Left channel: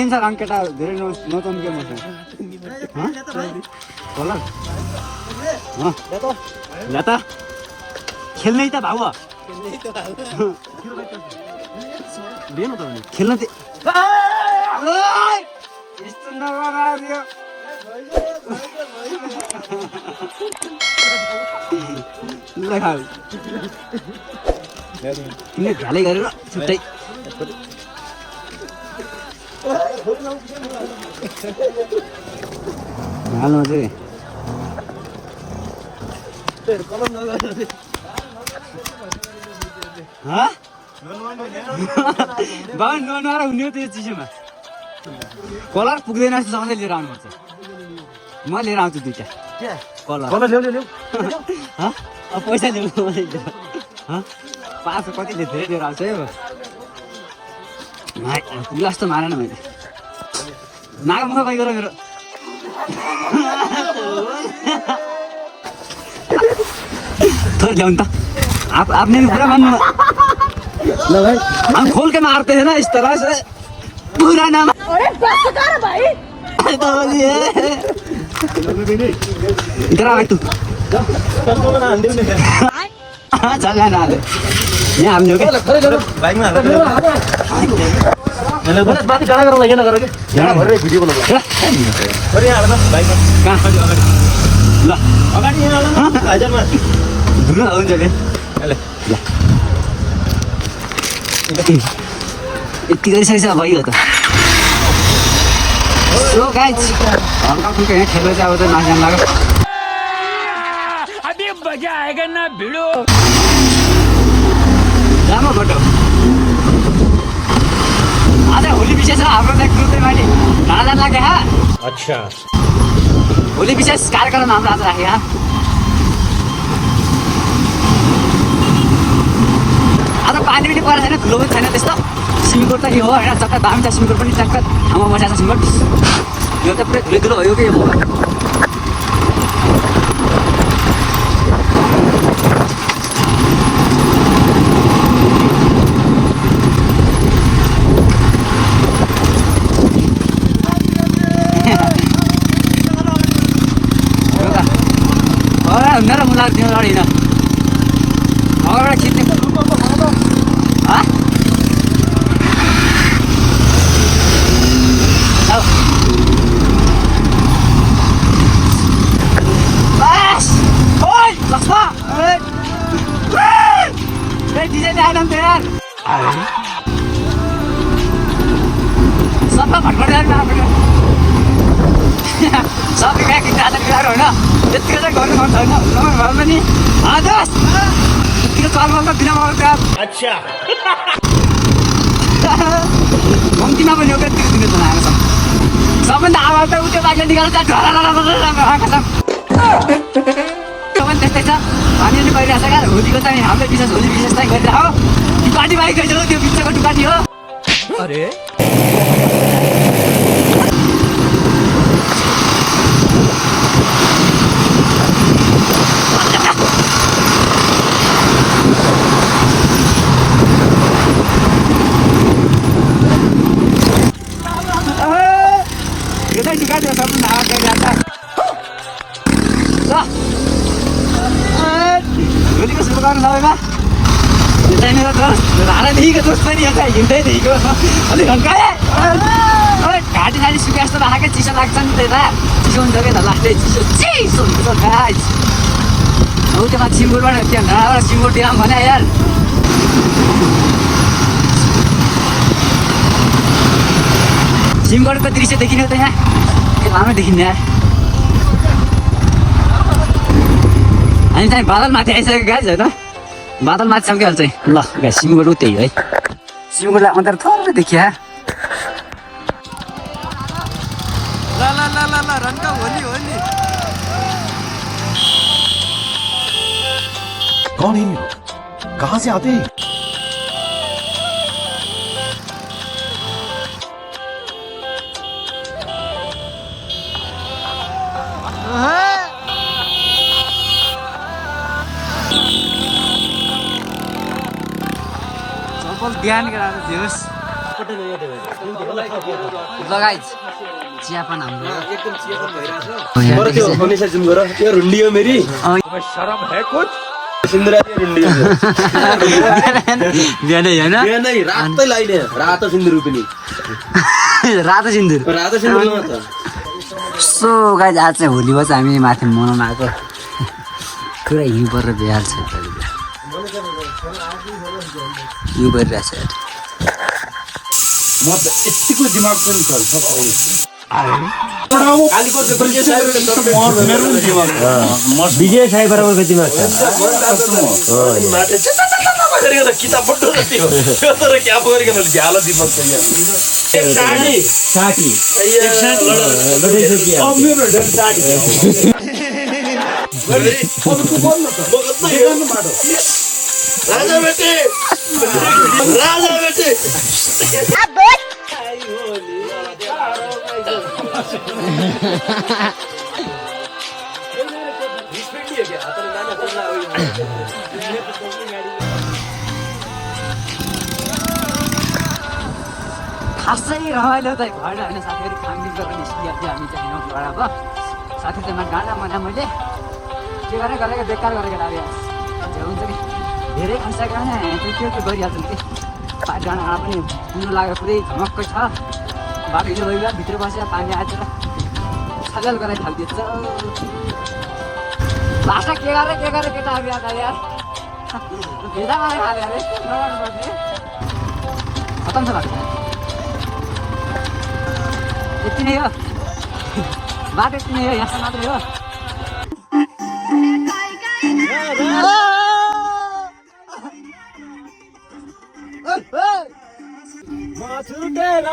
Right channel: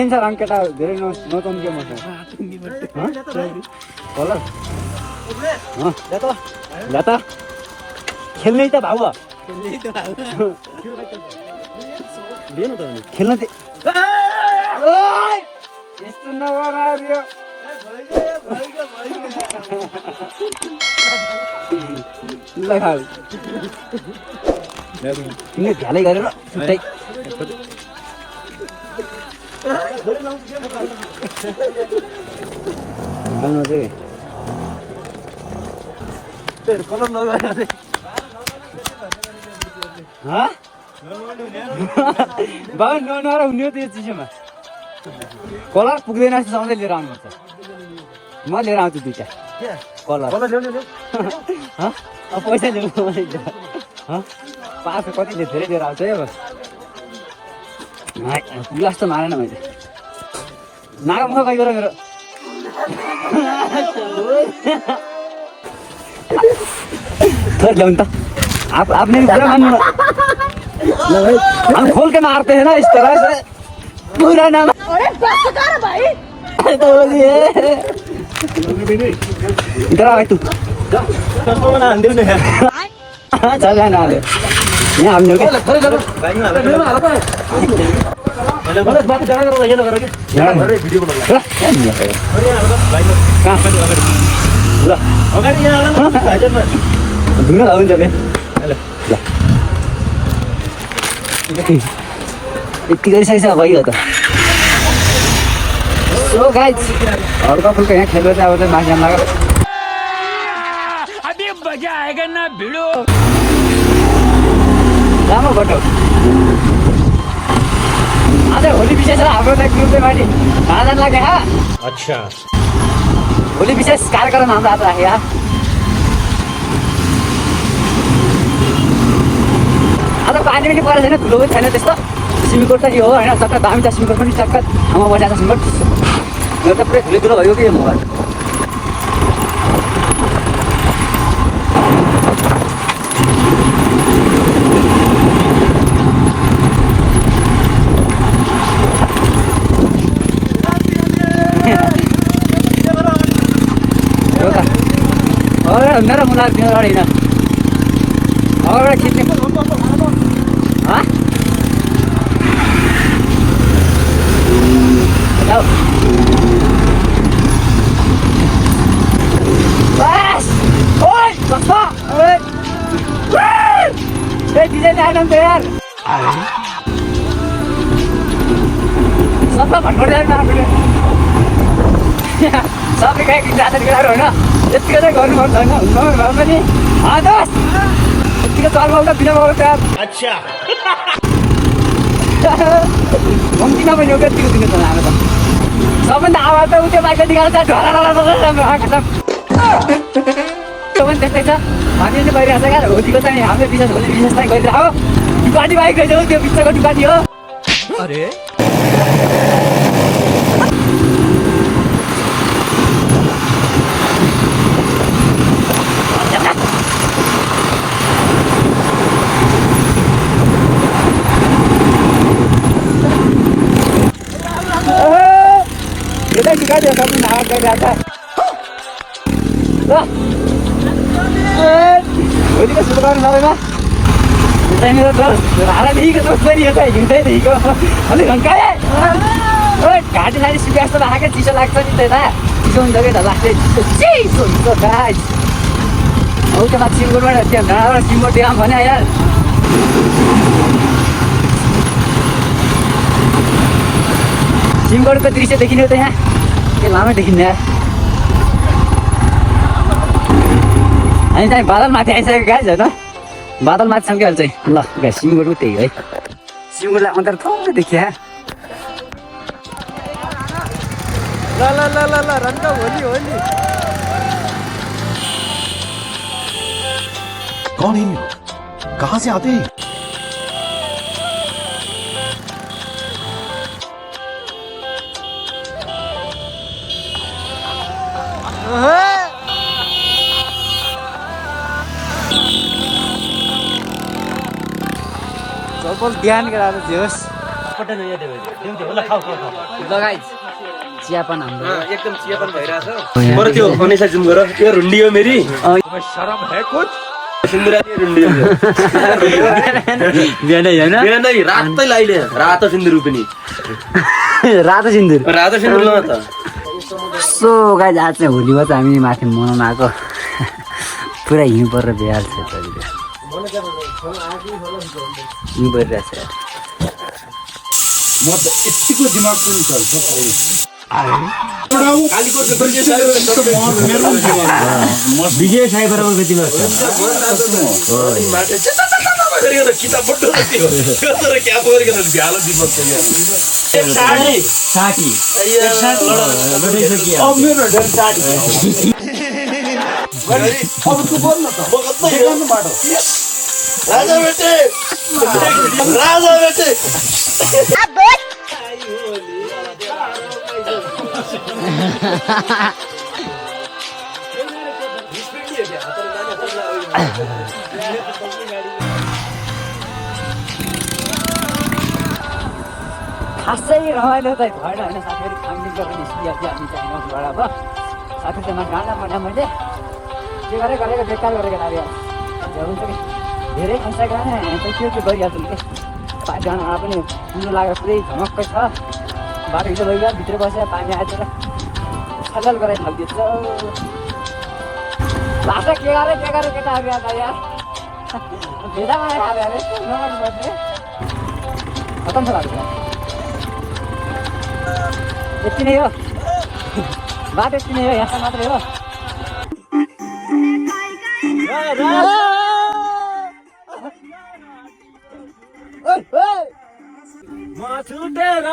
देखिन्छ रङ केटा धेरै नचम्के मसँग कलर ल त खेल्नै त भाउ खेल्न यस्तो नगर्यो ल खाऊ तिमीले ढ्यालै गरेर छुट्टै हाल्नु चाहिँ बाबु नआएर हुने हो त्यो चिजमा कलर पुग्दैन जस्तो सधैँ लिएर आउनुपर्छ म लिएर आउँछु दुईवटा कलर पैसा दिनु पाँच कतिले धेरै लिएर आउँछ है गिलास त मारेन मैले नागमुख कहीँ गर मेरो थोड़ा ल्याउनु त आपने भी बुरा मान्नु हम खोल के मारते हैं ना इस तरह से बुरा ना अरे बस कर भाई तो बोलिए इधर आ तू चल ना दे यहाँ हम लोग बाइक में मतलब बात डाला करो लगे ना करोगे यार वीडियो बना अरे यार बाइक कहां पर ल अगाडि यहाँ आजा म धुन आउँछ के ल यति गरिसकेछ भयो त सो गाइज हल्का फुल्का यहाँ खेल्दा चाहिँ अब चाहिँ माथि जान लाग्यो अभी मजा आएगा ना भिडो राम्रो गटो आज होली विशेष छ हाम्रो चाहिँ ग्रुपले माथि खाना लाग्यो हा अच्छा होली विशेष कार्यक्रम हाम्रो आज राखे हा आज पानी पनि परेको छैन ठुलो पनि छैन त्यस्तो सिमिकोट त के हो होइन चक्का दामी छ सिमिकोट पनि चक्का ठाउँमा बसेको छ सिमिकोट यो त पुरै धुलो भयो कि यो मेरा मुला दिन अगाडि होइन अगाडि खिच्ने सबै भटकट सबै गाई खिच्नु होइन यतिको चाहिँ गर्नुपर्छ होइन भए पनि यतिको चलमा बिना बाबा अच्छा कम्तीमा पनि एउटा यतिको दिनु आएको छ सबभन्दा आवाज त उयो बाइकले निकाल्छ आएको छ पनि त्यस्तै छ हामीहरूले गरिरहेको छ क्या होलीको चाहिँ हामीले विशेष होली विशेष चाहिँ गरिरहेको डुकाटी बाइक हो त्यो बिचको डुकाटी हो अरे Dikasih ya kamu nak ke atas. Loh. Ini kan sudah kan sampai mah. Kita ini terus ada di ke terus tadi kata ini tadi ke. Ini kan kaya. Oh, गाडी साडी सुकास्ट राखेको चिसो लाग्छ नि त ना. चिसो हुन्छ के त लाग्दै चिसो हुन्छ गाइस. हो त्यो माथि सिमगोडबाट त्यहाँ घाँबाट सिमगोड ड्याम भने यार. सिमगोडको दृश्य देखिने त यहाँ ए लामो देखिन्न यार हामी चाहिँ बादल माथि आइसकेको गाइस होइन बादल माथि छौँ क्या चाहिँ ल गाइस सिमगोड त्यही है सिमगोडलाई अन्तर थोरै देखिया ला ला ला ला ला रन का होली होली कौन है कहाँ से आते हैं सबल बिहान गराएर दियोस् लगाइज चियापन हाम्रो एकदम चियापन भइरहेछ यहाँ त्यो मनीषा जुम गर त्यो रुन्डी हो मेरी शर्म है कुछ सिन्दुरा रुन्डी हो बिहानै होइन बिहानै रातै लाइले रातो सिन्दुर पनि रातो सिन्दुर रातो सिन्दुर ल त सो गाइज आज चाहिँ होलीमा चाहिँ हामी माथि मनाउन आएको पुरा हिउँ परेर भइहाल्छ हिउँ परिरहेछ यार म त यतिको दिमाग पनि चल्छ विजय साई बराबरको दिमाग छ किताब पढ्नु तर क्या परेको झ्यालो दिमाग छ साकी राजा बेटे राजा बेटे खासै रमाइलो त भएन होइन साथीहरू खानपिनको पनि निस्किया थियो हामी चाहिँ नौबाट अब साथी चाहिँ गाना मना मैले के गरेँ गरेको बेकार गरेको लाग्यो हुन्छ कि धेरै खर्च गरेन त्यो के गरिहाल्छौँ कि गानामा पनि पुग्नु लागेर पुरै झमक्कै छ बाटो यसो भइगयो भित्र बसेर पानी आएर सजल गराइ थालिदिन्छ लास्टै के गरेँ केटा अघि अगाडि भेजा मलाई खायो अरे खतम छ लाग्छ यति नै हो बाटो यति नै हो यहाँसम्म मात्रै हो म छुटेर